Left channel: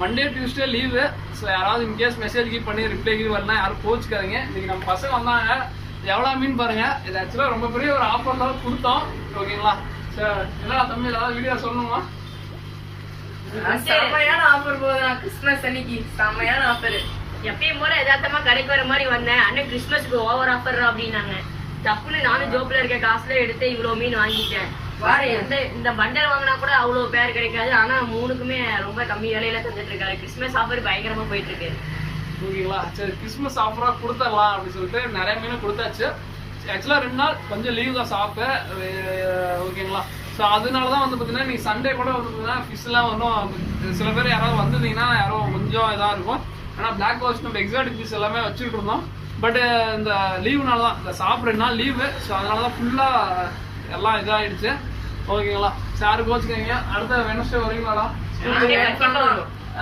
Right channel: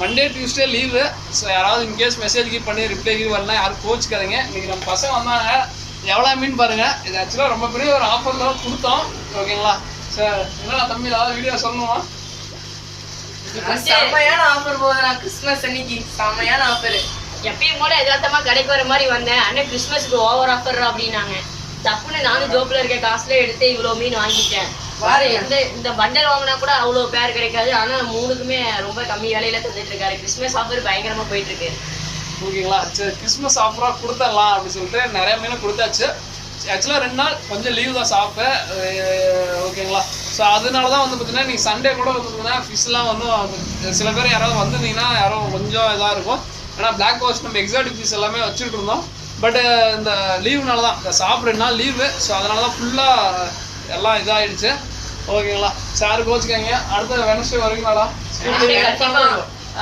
Monday Tuesday leave. So யாராவது in case message பண்ணி reply வரலாம், யாரும் கோச்சிக்காதீங்க. இன்றைக்கி நம்ம பசங்க வந்தாங்க, எவ்வளோ மீன் பாருங்கள். இது ஆக்சுவலாக ரொம்ப பெரிய ஒரு ஆஃபர் தான் கொடுத்தோம். ஓகேங்களா சார்? என்னடா தம்பி ஏதாவது வீடியோ சொல்லணுமா? செம்மையான ஆஃபர் போகுதுண்ணா. கிறிஸ்மஸ் அன்னைக்கு செம்மையான ஆஃபர். எப்பயும் போல எதார்த்தமாக கடைக்கு வர மாதிரி வந்தேன். அண்ணன் கிறிஸ்மஸ்க்கு ஓவர் ஆஃபர் அப்படின்னாங்க. தப்புன்னு நானும் ஜோப்பில் இருக்க காசுல எடுத்து இவ்வளோ மீன் வாங்கிட்டேன். இந்த பண்டல் வாங்கினா கூட அவ்வளோ பேர் கிடைக்காது. ஆனால் 3க்குமே ரொம்ப கம்மி விலையில தந்துட்டு இருக்காரு. கிறிஸ்மஸ் ஆஃபர் பயங்கரமாக போயிட்டு இருக்கு. ஓகேங்களா சரி, கிறிஸ்மஸ் ஆஃபராக கொடுத்துடலாம் அப்படின்னு சொல்லிட்டு நிறைய மீன் கொடுத்தாச்சு. ஆக்சுவலாக 2 நாள் கொஞ்சம் லீவ் தான் ஷாப்பு. ஓகேங்களா ஸோ அதனால தான் வந்து பார்த்தீங்கன்னா நீங்கள் சண்டே கூட வந்து பார்த்தீங்கன்னா ஃபிஷ்லாம் ஒன்றும் சில பேர் யாராவது வந்திருந்தீங்கன்னா யாரும் கொஞ்சம் இதாக இருக்கும். ஏன்னா பிளாக் வாஷ் நம்ம எக்ஸாட்டிக் ஃபிஷ் எல்லாமே வச்சுட்டு இருந்தோம். பட்டு இந்த லீவுனால தான், இந்த ஷாப் 2 நாள் லீவு. ஸோ அதனால தான் ஃபுல்லாக எல்லாம் இதாகிடுச்சு. ஓகேங்களா சார் கோச்சுக்காங்க. அடுத்த வெனஸ்டே வரைக்கும் கண்டிப்பா